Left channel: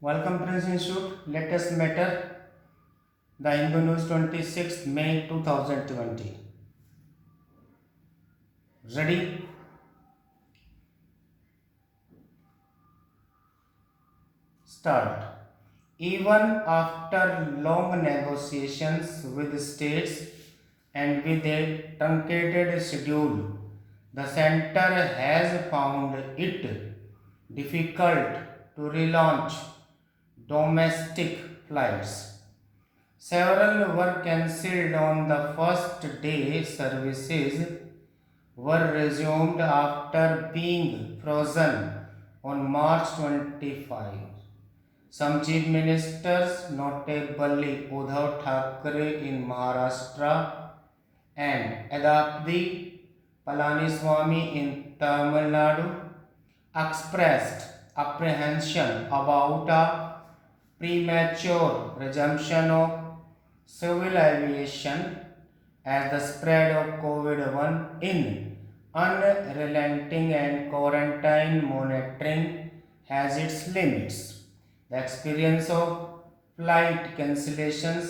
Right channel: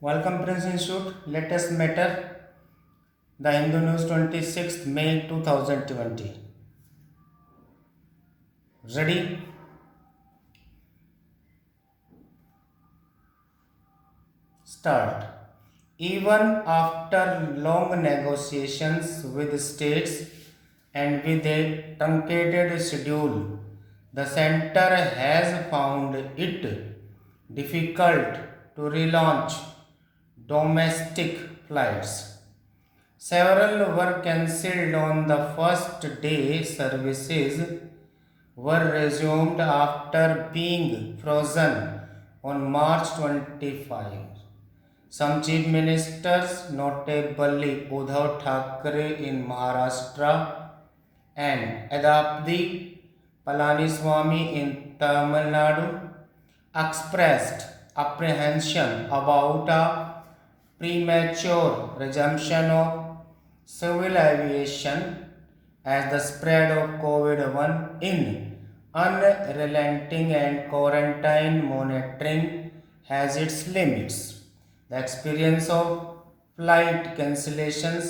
Welcome Prince Institute. Latest matter. The Hindu News 26th May 2020. Ready? Start. Even after long negotiations with states and with a truncated schedule, the center has found it difficult to relaunch domestic flights. Several were cancelled on the first day. Services were resumed after being frozen on March 25. Some chief ministers, notably Uddhav Thackeray in Maharashtra and Edapadi Palaniswamy in Tamil Nadu, expressed apprehension about a premature resumption of civil aviation as the spread of COVID-1 in unrelenting and quarantine monitoring has its limits. The experience of flight cancellations,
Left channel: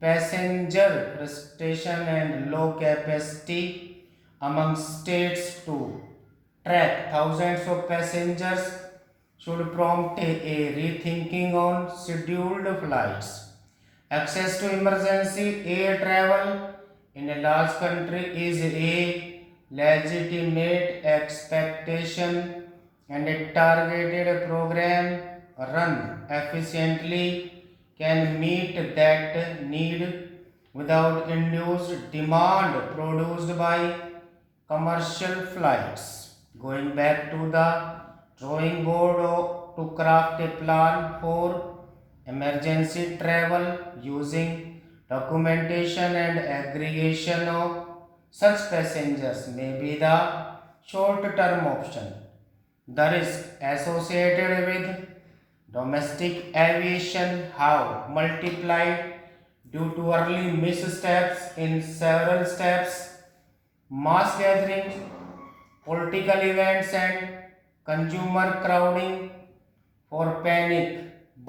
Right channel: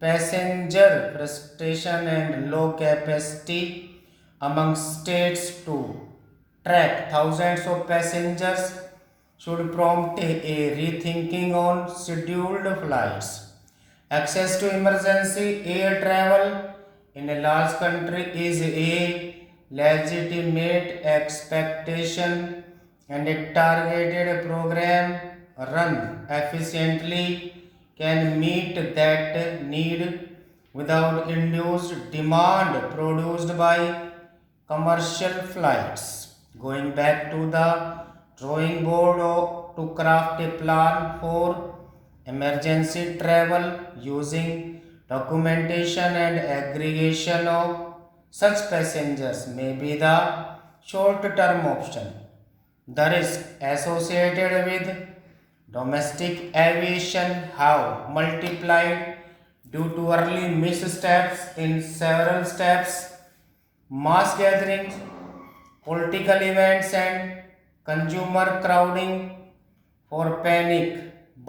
passenger frustration, and low capacity among states to track thousands of passengers should prompt a rethinking on scheduled flights. Access to emergency air travel in a large country is a legitimate expectation, and a targeted program run efficiently can meet that need without induced demand produced by commercial flights. Going back to the drawing board to craft a plan for emergency travel using documentation and aggregation of such passengers may be the short term option. The risk associated with domestic aviation have multiplied due to early missteps in several steps. Mass gatherings, political events, and consumer crowding for panic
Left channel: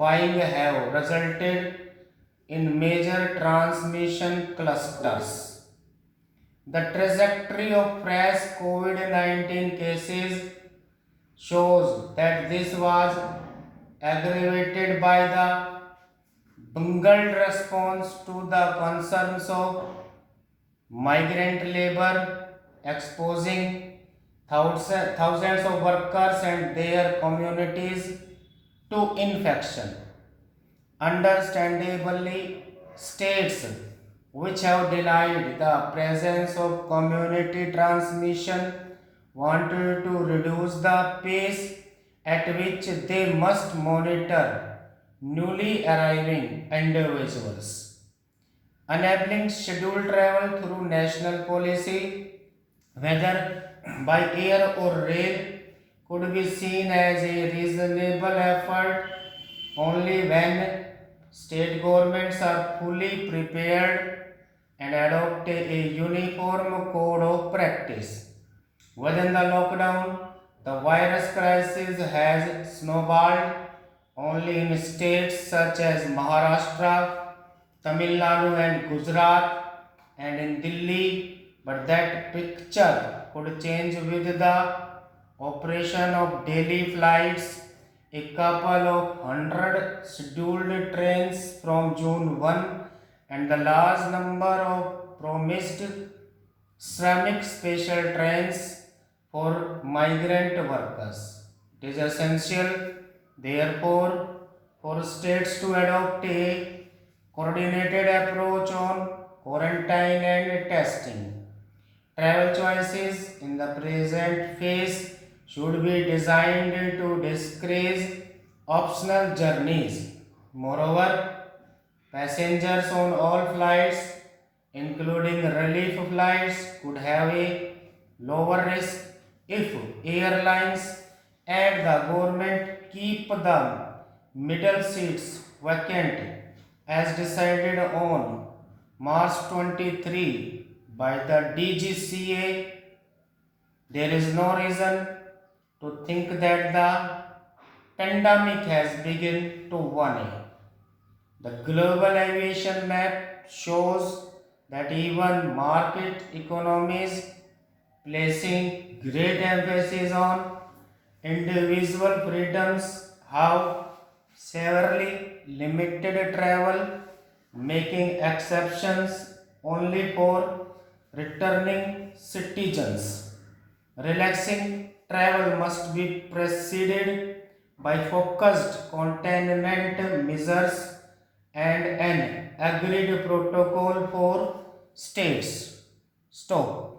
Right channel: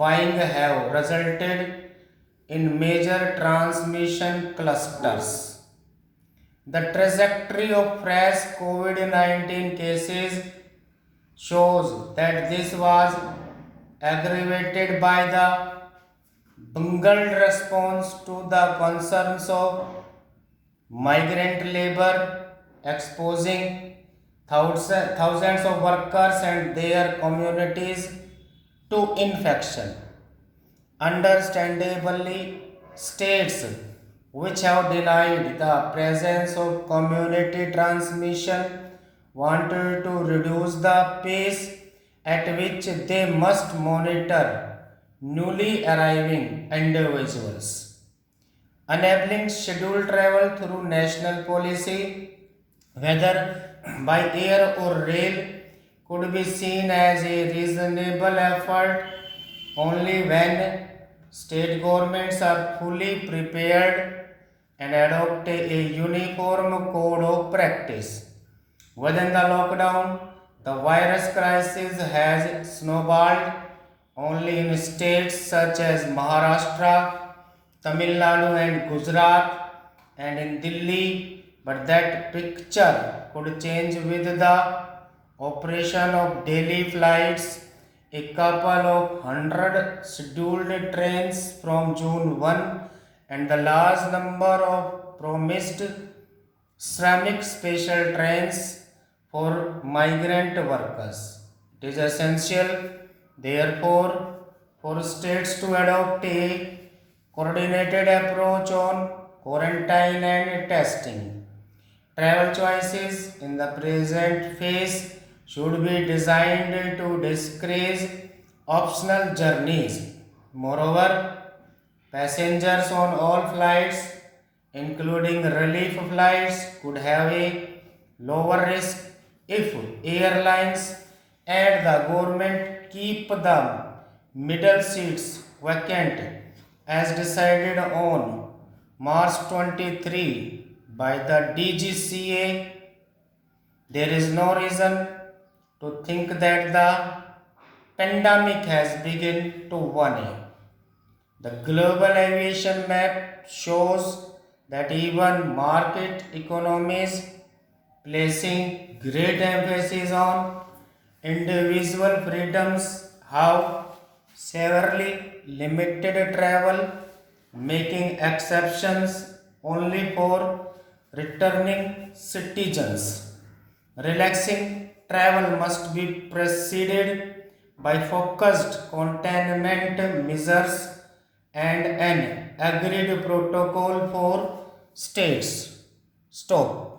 buying have resulted in major transmission clusters. The trajectory of fresh COVID 19 cases shows that this was aggravated by the bungled response to the concerns of migrant labor, exposing thousands of workers and their communities to infection. Understandably, states which have denied the presence of community transmission wanted to reduce the pace at which they must monitor newly arriving individuals. Enabling scheduled travel through national policy, whether by air or rail, could be seen as a reasonable effort only when state governments are fully prepared and adopt a uniform code of practice. Within the lockdown, the virus crisis has snowballed only in states such as Maharashtra, Tamil Nadu, and Gujarat, and in Delhi, but that picture could change with the operation of daily flights. A couple of hundred scheduled trains from June 1 and the large number of promised Shramik special trains for migrant workers. It is essential, therefore, for states to adopt a coordinated approach on quarantine and testing. Travel choices in the present phase should be designed to discourage optional journeys. Moreover, passengers on all flights, including relief flights, could have a lower risk if airlines and the government keep the middle seats vacant as decided on March 23 by the DGCA. There is no reason to think that the pandemic has begun to warn. The global aviation map shows that even market economies placing great emphasis on individual freedoms have severely limited travel, making exceptions only for returning citizens. Relaxing travel must be preceded by focused containment measures and an agreed protocol for states. Stop.